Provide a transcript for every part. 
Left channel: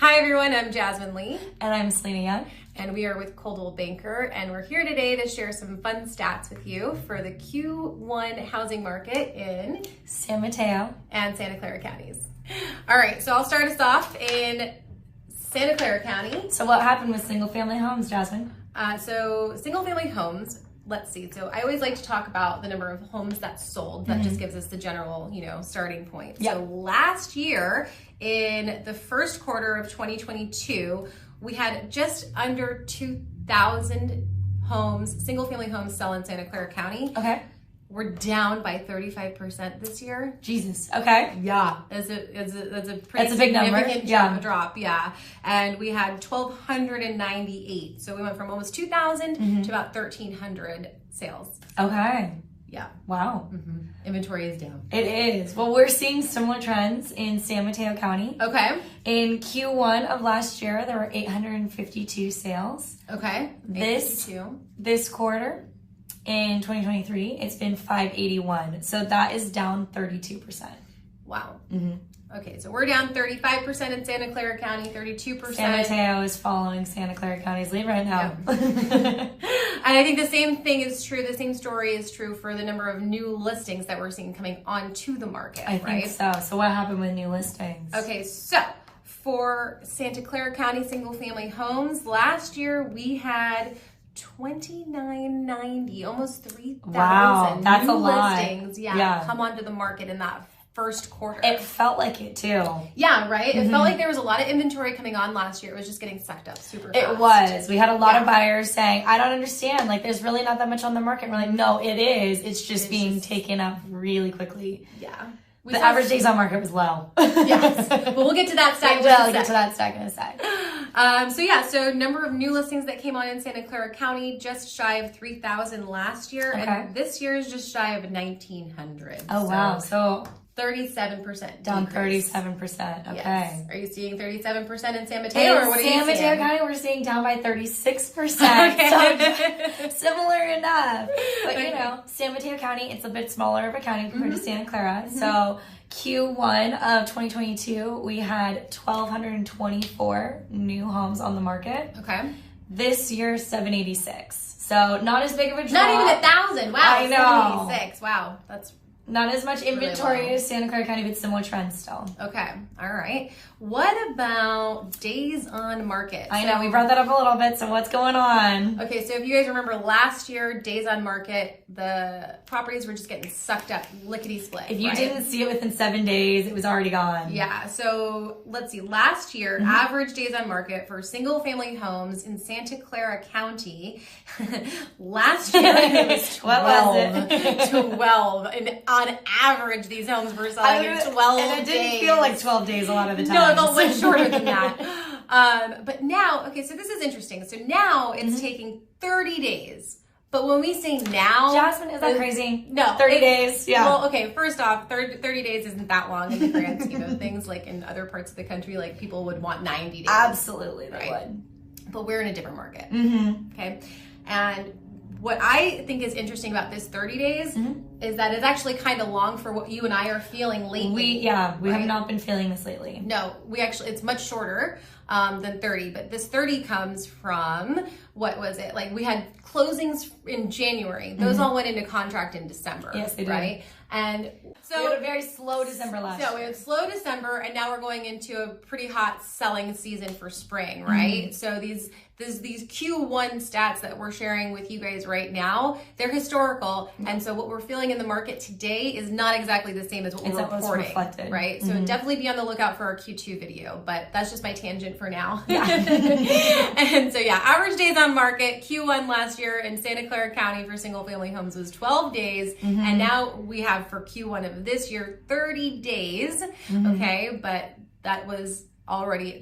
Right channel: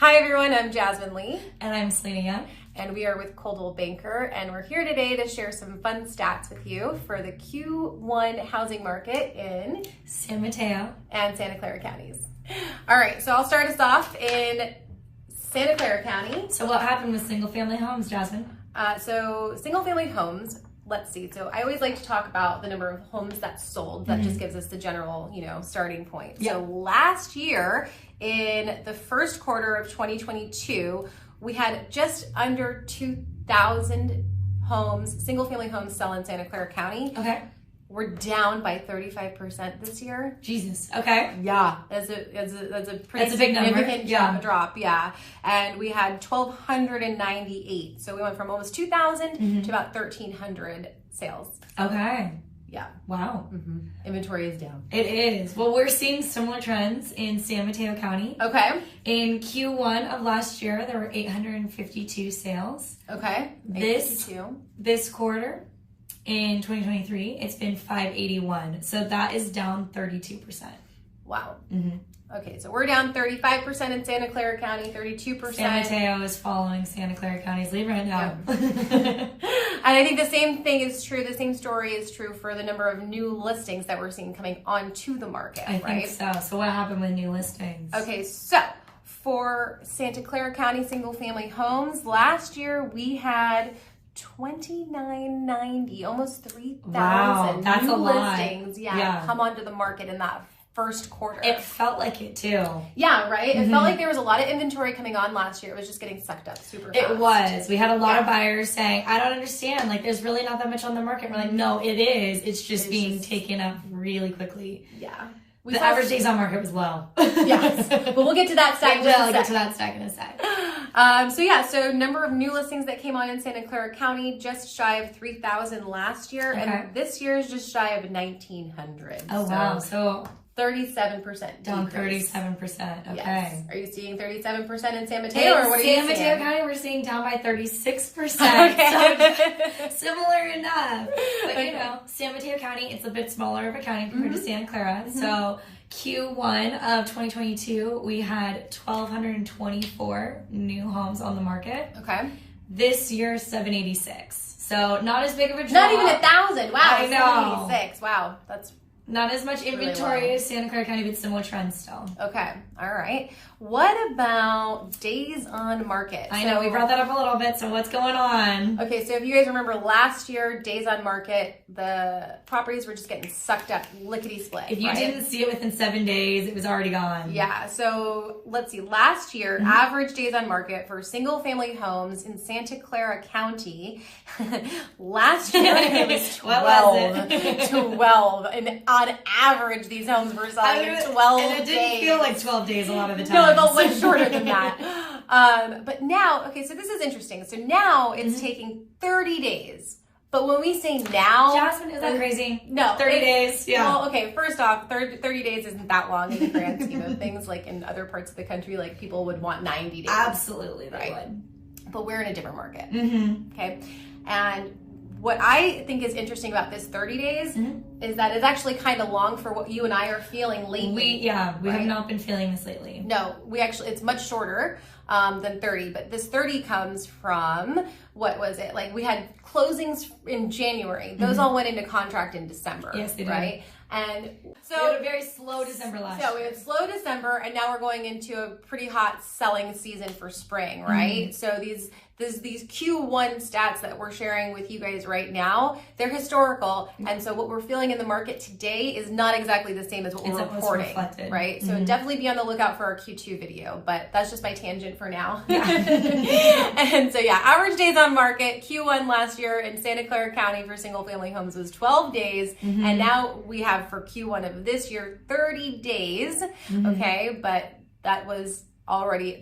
Hi everyone, I'm Jasmine Lee. And I'm Selena Young. And we are with Coldwell Banker, and we're here today to share some fun stats with you for the Q1 housing market in San Mateo and Santa Clara counties. All right, so I'll start us off in Santa Clara County. So what happened with single family homes, Jasmine? So single family homes, let's see. So I always like to talk about the number of homes that sold. That just gives us the general, starting point. Yeah. So last year in the first quarter of 2022, we had just under 2,000 homes, single family homes sell in Santa Clara County. Okay. We're down by 35% this year. Jesus. Okay. Yeah, that's a pretty big number. significant drop. Yeah, and we had 1,298. So we went from almost 2,000 to about 1,300 sales. Okay. Yeah. Wow. Inventory is down. It is. Well, we're seeing similar trends in San Mateo County. Okay. In Q1 of last year, there were 852 sales. Okay. This quarter in 2023, it's been 581. So that is down 32%. Wow. Okay, so we're down 35% in Santa Clara County, 32%. San Mateo is following Santa Clara County's lead right now. And I think the same thing is true, the same story is true for the number of new listings that we're seeing coming onto the market, I right? think so. So what happened with new listings? Okay, so for Santa Clara County single family homes, last year we had 2,990, almost 3,000 Wow, that's new a lot. listings come onto the market in that first quarter. It felt like it too. Yeah, right? It felt like there was a lot of inventory coming on last year. It was just getting sucked up super fast. It was. We had a lot of buyers saying, I don't understand. Like, there's really not that much on the market. We're like, no, it is. It's just being taken up really quickly. Yeah. The average days on market was low. Yes. But we'll get to that stat. We'll get to that stat in a sec. So number of new listings that came on in Santa Clara County, just shy of 3,000 last year. Okay. And this year is just shy of 1,900. Oh, wow. So 37% down decrease. 37%. Okay. Yes. Are you seeing 37% in San Mateo, or what are you seeing? San Mateo County, we're seeing down by 36%. Okay. So similar enough. But San Mateo County, it's a bit smaller of a county compared to Santa Clara. So Q1 of 2022, we had 1,224 new homes on the market. Okay. This year, 786. So not as big of a drop. Not even 1,000. Wow. I know. 786. Wow. That's not as much inventory really as Santa Clara County, but similar trends still. okay. All right. What about days on market? I know we brought that up a little bit. So what's going on? Okay, so if you guys remember last year, days on market, the properties were just getting sucked up lickety split. If you didn't see it within 7 days, it was already gone. Yeah. So let's see. Last year, average days on market for single family homes in Santa Clara County, last year it was 12. 12. And on average, these homes were selling in 12 and it days. didn't feel like 12 days a lot of the time. No, it felt much shorter than that. But now, okay, so this is interesting. So now it's taking 30 days. But when we say now... Jasmine, is that crazy? No. 30 days, yeah. Well, okay, first off, 30 days isn't that long in the grand scheme of things. Like in other parts of the country, like people would want 90 days. Absolutely, right? would. But we're in a different market. Okay? And what I think is interesting about this 30 days is that it's actually kind of long for what you and I are feeling lately. We have not been feeling this lately. No, it's much shorter than 30, but this 30 comes from, what was it? Like we had closings in January. Those all went into contract in December. Yes, they did. Right? And so we had a very slow December last year. So we had slow December, and now we're going into a pretty hot selling season for spring, right? So these Q1 stats that we're sharing with you guys right now, they're historical. And so what we're feeling in the market today is not exactly the same as what we're reporting, right? So definitely be on the lookout for our Q2 video, but that's just my tangent for now. And so average days on market, Q1 last year in Santa Clara County for single family homes was 12 days. And now we have for Q1 of this year, 30 days. Okay. But that's already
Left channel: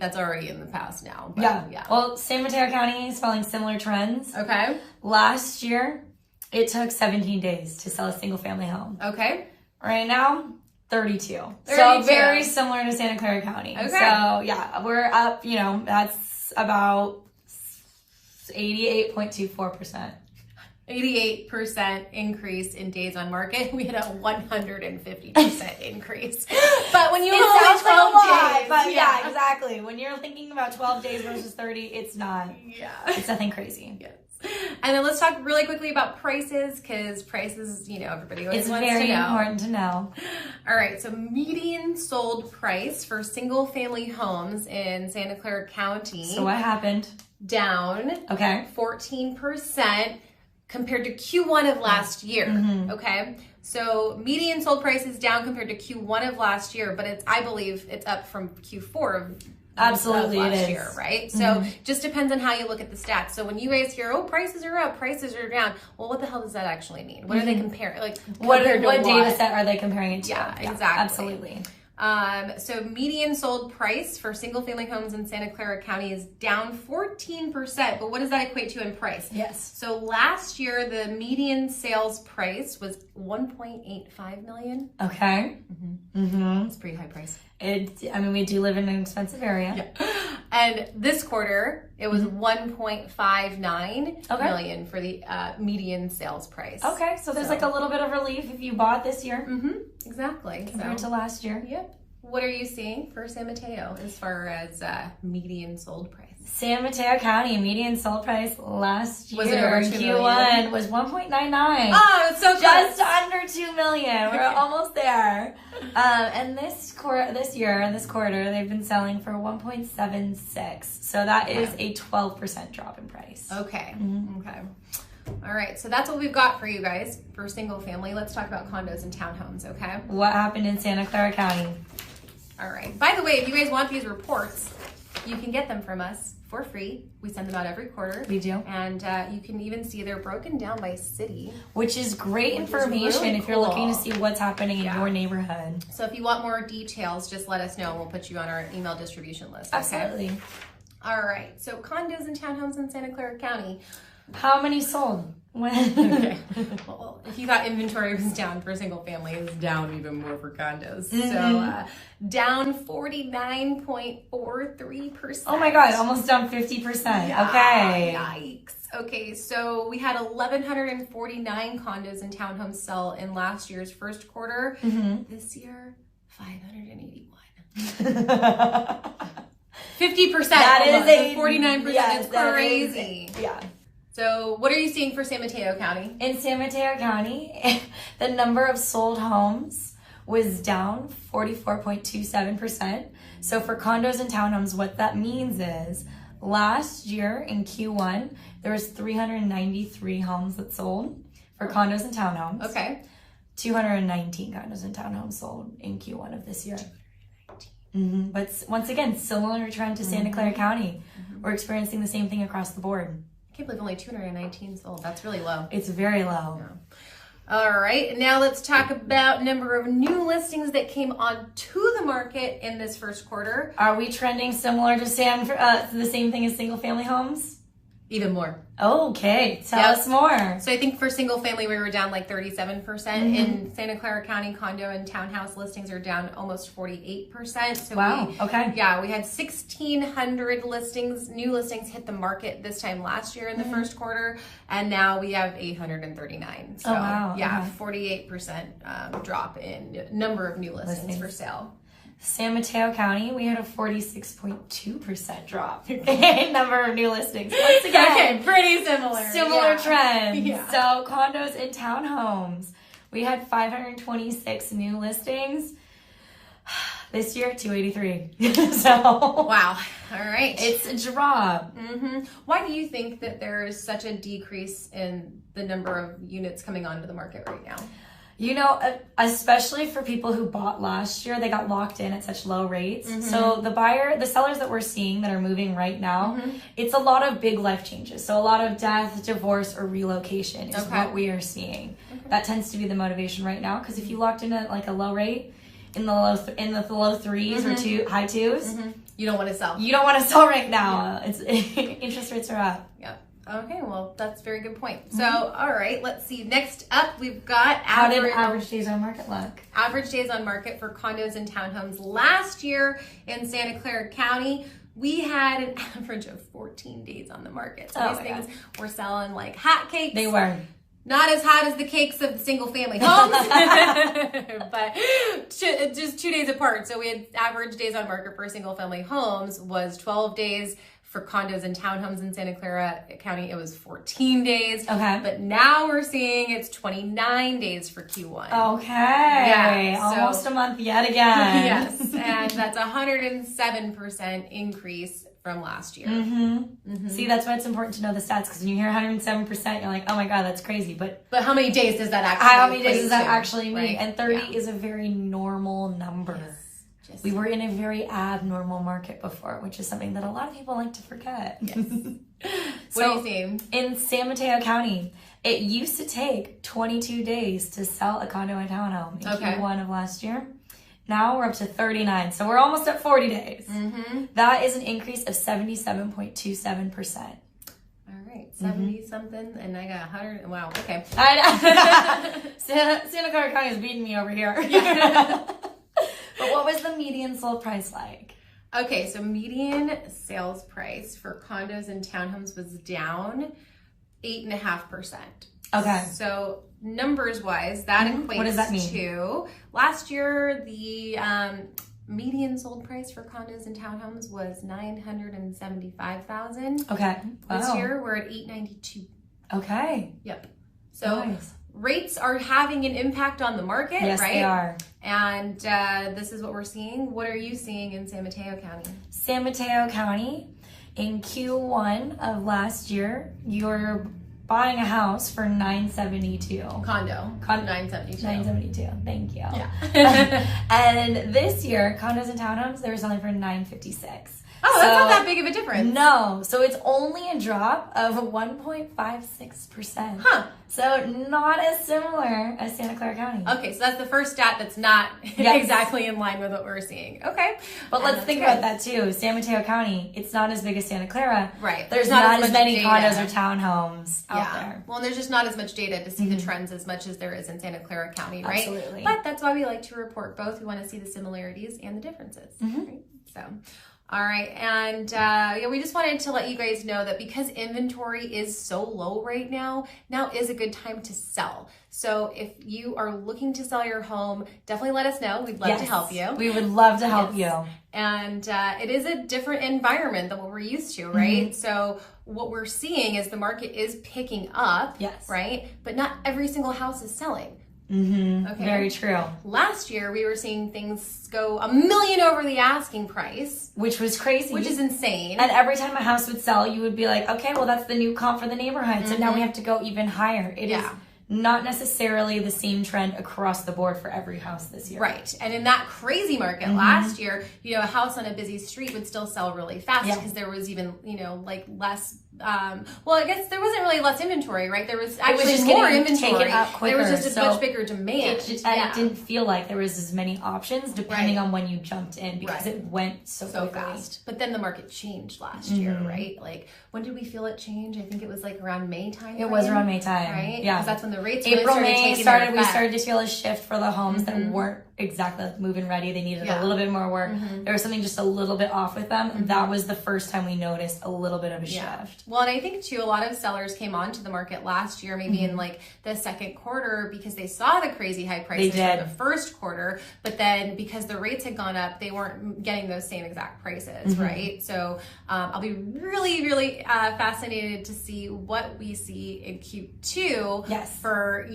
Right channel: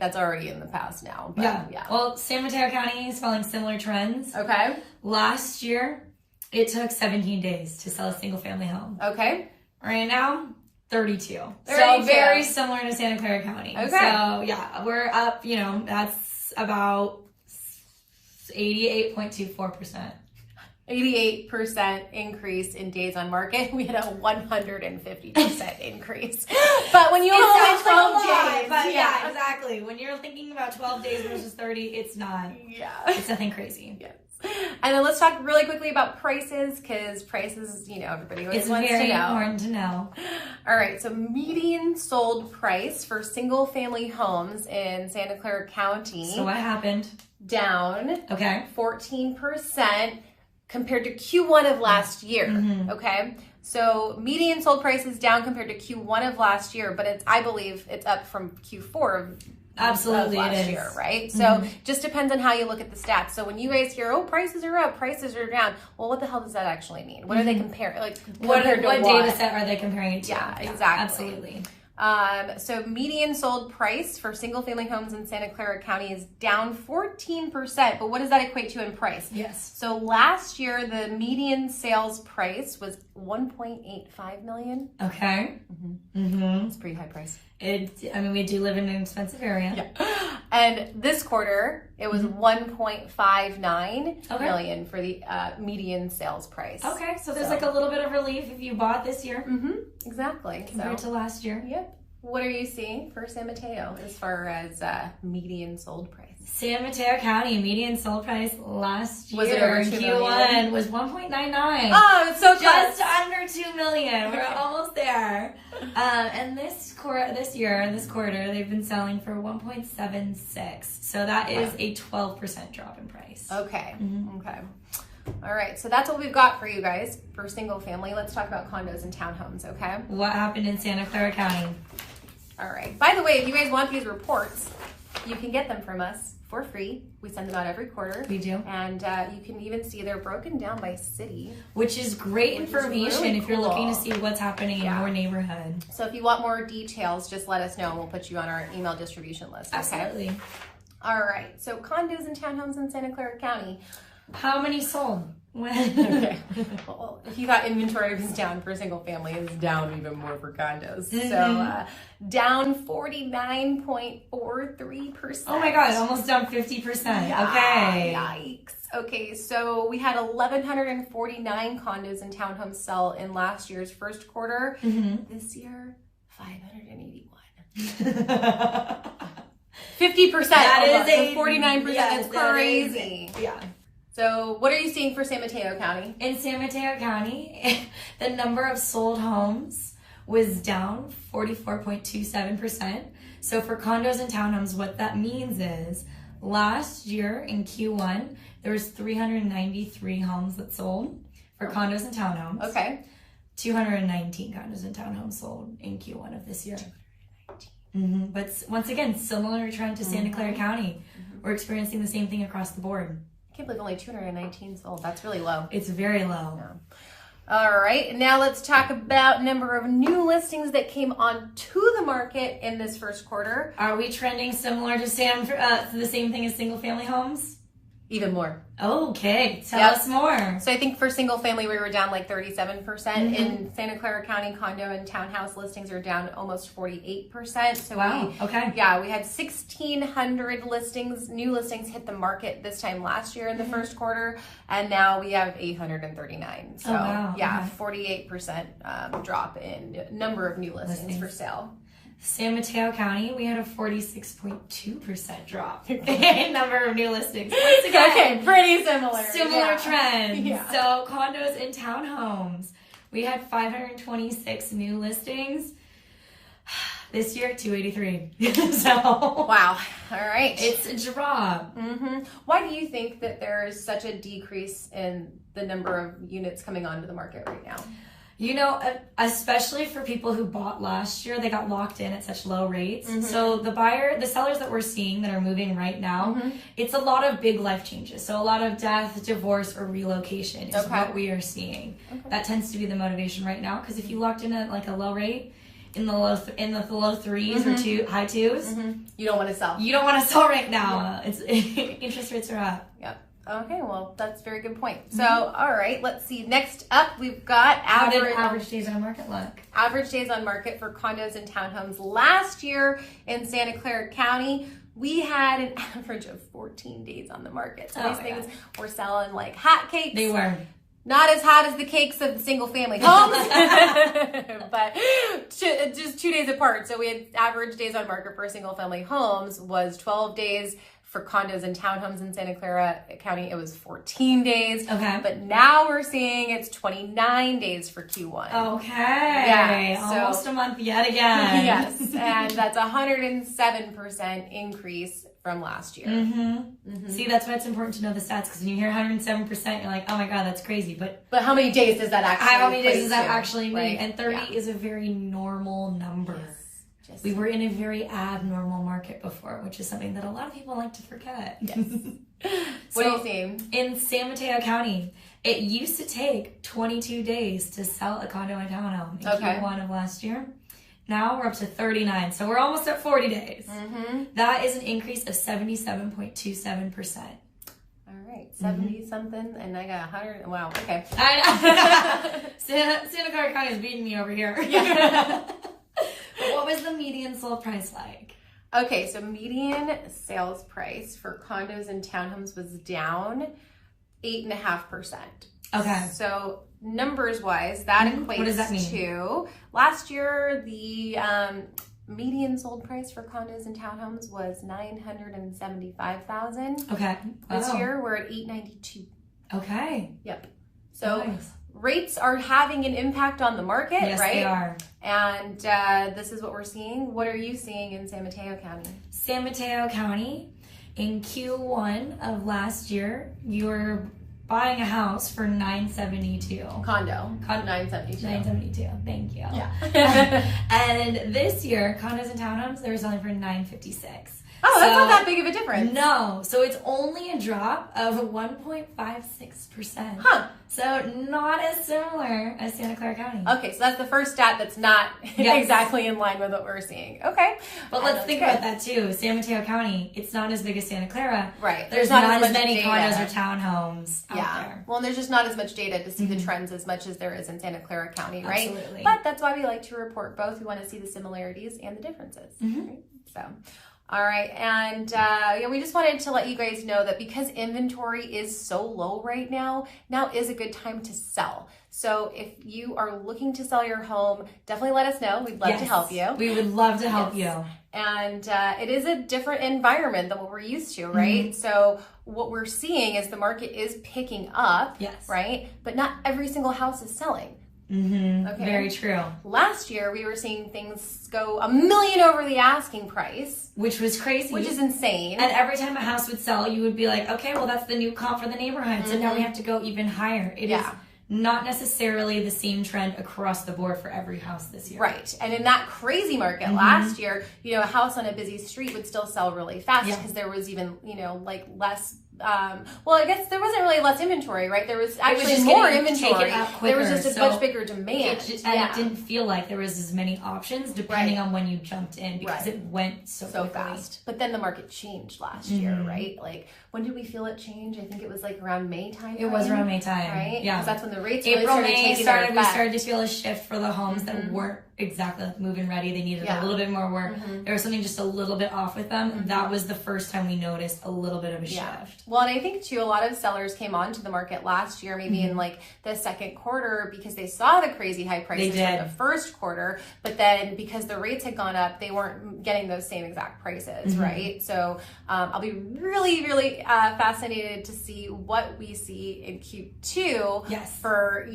in the past now. But, Well, San Mateo County is following similar trends. Okay. Last year, it took 17 days to sell a single family home. Okay. Right now, 32. 32. So very similar to Santa Clara County. Okay. So we're up, that's about 88.24%. 88% increase in days on market. We had a 150% increase. But when you have only 12 days. But yeah, exactly. When you're thinking about 12 days versus 30, it's not. Yeah. It's nothing crazy. Yes. And then let's talk really quickly about prices, because prices, everybody always wants to know. It's very important to know. All right, so median sold price for single family homes in Santa Clara County. So what happened? Down. Okay. 14% compared to Q1 of last year. Okay. So median sold price is down compared to Q1 of last year, but I believe it's up from Q4 of Absolutely last year, right? So just depends on how you look at the stats. So when you guys hear, oh, prices are up, prices are down, well, what the hell does that actually mean? What are they comparing? Like, what compared to what? data set are they comparing it to? Yeah, exactly. Absolutely. So median sold price for single family homes in Santa Clara County is down 14%. But what does that equate to in price? Yes. So last year, the median sales price was $1.85 million. Okay. It's a pretty high price. We do live in an expensive area. Yeah. And this quarter, it was $1.59 million for the median sales price. Okay, so there's like a little bit of relief if you bought this year. Exactly. Compared to last year. Yep. What are you seeing for San Mateo as far as median sold price? San Mateo County median sold price last year. Was it over $2 million? Q1 was 1.99. Oh, it's so Just close. under $2 million. We're almost there. And this quarter, they've been selling for 1.76. So that is a 12% drop in price. Okay. Okay. All right. So that's what we've got for you guys for single family. Let's talk about condos and townhomes. Okay. What happened in Santa Clara County? All right. By the way, if you guys want these reports, you can get them from us for free. We send them out every quarter. We do. And you can even see they're broken down by city. Which is great information really if you're looking to see what's happening in your neighborhood. So if you want more details, just let us know and we'll put you on our email distribution list. Okay? Absolutely. All right. So condos and townhomes in Santa Clara County. How many sold? Okay. Well, if you thought inventory was down for single family, it's down even more for condos. So down 49.43%. Oh my God, almost down 50%. Yeah, okay. Yikes. Okay, so we had 1,149 condos and townhomes sell in last year's first quarter. This year, 581. 50%. That almost, is and 49%. yes, It's crazy. Yeah. So what are you seeing for San Mateo County? In San Mateo County, the number of sold homes was down 44.27%. So for condos and townhomes, what that means is last year in Q1, there was 393 homes that sold for condos and townhomes. Okay. 219 condos and townhomes sold in Q1 of this year. But once again, similar trend to Santa Clara County. We're experiencing the same thing across the board. I can't believe only 219 sold. That's really low. It's very low. Yeah. All right. Now let's talk about number of new listings that came onto the market in this first quarter. Are we trending similar to the same thing as single family homes? Even more. Okay, tell us more. So I think for single family, we were down like 37%. In Santa Clara County, condo and townhouse listings are down almost 48%. So wow, okay. Yeah, we had 1,600 listings, new listings hit the market this time last year in the first quarter. And now we have 839. So yeah, 48% drop in number of new listings for sale. San Mateo County, we had a 46.2% drop in number of new listings. Once again, okay, pretty similar. Similar trends. Yeah. So condos and townhomes, we had 526 new listings. This year, 283. So wow. All right. It's a drop. Why do you think that there is such a decrease in the number of units coming onto the market right now? You know, especially for people who bought last year, they got locked in at such low rates. So the sellers that we're seeing that are moving right now, it's a lot of big life changes. So a lot of death, divorce, or relocation is what we are seeing. That tends to be the motivation right now. Because if you locked in at like a low rate, in the low threes or high twos, you don't want to sell. You don't want to sell right now. Interest rates are up. Yep. Okay, well, that's a very good point. So, all right, let's see. Next up, we've got average days on market look. Average days on market for condos and townhomes. Last year in Santa Clara County, we had an average of 14 days on the market. So these things were selling like hotcakes. They were. Not as hot as the cakes of the single family homes, but just 2 days apart. So we had average days on market for single family homes was 12 days. For condos and townhomes in Santa Clara County, it was 14 days. Okay. But now we're seeing it's 29 days for Q1. Okay. Yeah. Almost a month yet again. Yes. And that's 107% increase from last year. See, that's why it's important to know the stats, because when you hear 107%, you're like, oh my God, that's crazy. But how many days does that actually how many days does that to, actually mean? right? And 30 is a very normal number. Yes. We were in a very abnormal market before, which is something that a lot of people like to forget. Yes. What are you seeing? In San Mateo County, it used to take 22 days to sell a condo and townhome in Q1 of last year. Now we're up to 39, so we're almost at 40 days. That is an increase of 77.27%. All right, 70 something, and I got 100. Wow, okay. I know. Santa Clara County is beating me over here. Yeah. But what was the median sold price like? Okay, so median sales price for condos and townhomes was down 8.5%. Okay. So numbers wise, that equates what does that mean? To last year the median sold price for condos and townhomes was $975,000. Okay. Wow. This year we're at $892,000. Okay. Yep. So nice. Rates are having an impact on the market, yes, right? They are. And this is what we're seeing. What are you seeing in San Mateo County? San Mateo County, in Q1 of last year, you're buying a house for $972. Condo. $972. $972. Thank you. Yeah. And this year, condos and townhomes, they're selling for $956. Oh, that's not that big of a difference. No. So it's only a drop of 1.56%. Huh. So not as similar as Santa Clara County. Okay, so that's the first stat that's not exactly in line with what we're seeing. Okay. But let's think about that too. San Mateo County, it's not as big as Santa Clara. Right. There's not as much many data. condos or townhomes out there. Well, there's just not as much data to see the trends as much as there is in Santa Clara County, right? Absolutely. But that's why we like to report both. We want to see the similarities and the differences, right? So, all right. And we just wanted to let you guys know that because inventory is so low right now is a good time to sell. So if you are looking to sell your home, definitely let us know. We'd love to help you. We would love to help you. And it is a different environment than what we're used to, right? So what we're seeing is the market is picking up, right? But not every single house is selling. Okay. Very true. Last year, we were seeing things go $1 million over the asking price. Which was crazy. Which is insane. And every time a house would sell, you would be like, okay, well, that's the new comp for the neighborhood. So now we have to go even higher. It is not necessarily the same trend across the board for every house this year. Right. And in that crazy market last year, a house on a busy street would still sell really fast because there was even, less I guess there wasn't really less inventory, right? There was actually more inventory. There was just a much bigger demand. It didn't feel like there was as many options depending on when you jumped in because it went so fast. But then the market changed last year, right? Like, when did we feel it change? I think it was like around May time. It was around May time. Right? Yeah. Because that's when the rates April, really May started we started to feel a shift for the homes that weren't exactly move-in ready. They needed a little bit more work. There was something just a little bit off with them. And that was the first time we noticed a little bit of a shift. Well, and I think too, a lot of sellers came onto the market last year, maybe in like the second quarter, because they saw the crazy high prices for the first quarter. But then because the rates had gone up, they weren't getting those same exact prices, right? So I'll be really, really fascinated to see what we see in Q2 for,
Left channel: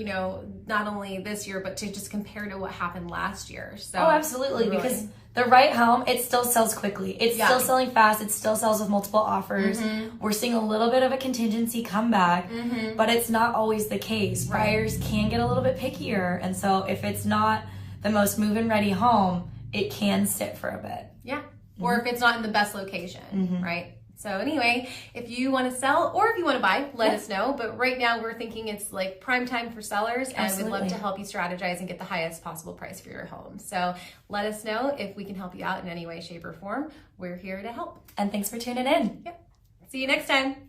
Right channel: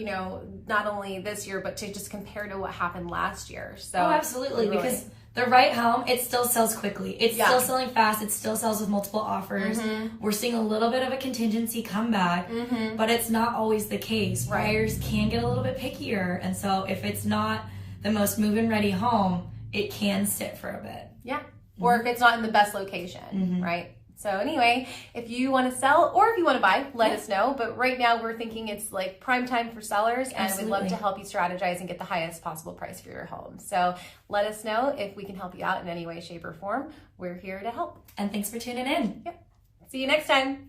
not only this year, but to just compare to what happened last year. So absolutely, because the right home, it still sells quickly. It's still selling fast. It still sells with multiple offers. We're seeing a little bit of a contingency comeback, but it's not always the case. Buyers can get a little bit pickier. And so if it's not the most move-in ready home, it can sit for a bit. Yeah. Or if it's not in the best location, right? So anyway, if you want to sell or if you want to buy, let us know. But right now we're thinking it's like prime time for sellers and we'd love to help you strategize and get the highest possible price for your home. So let us know if we can help you out in any way, shape, or form. We're here to help. And thanks for tuning in. Yep. See you next time.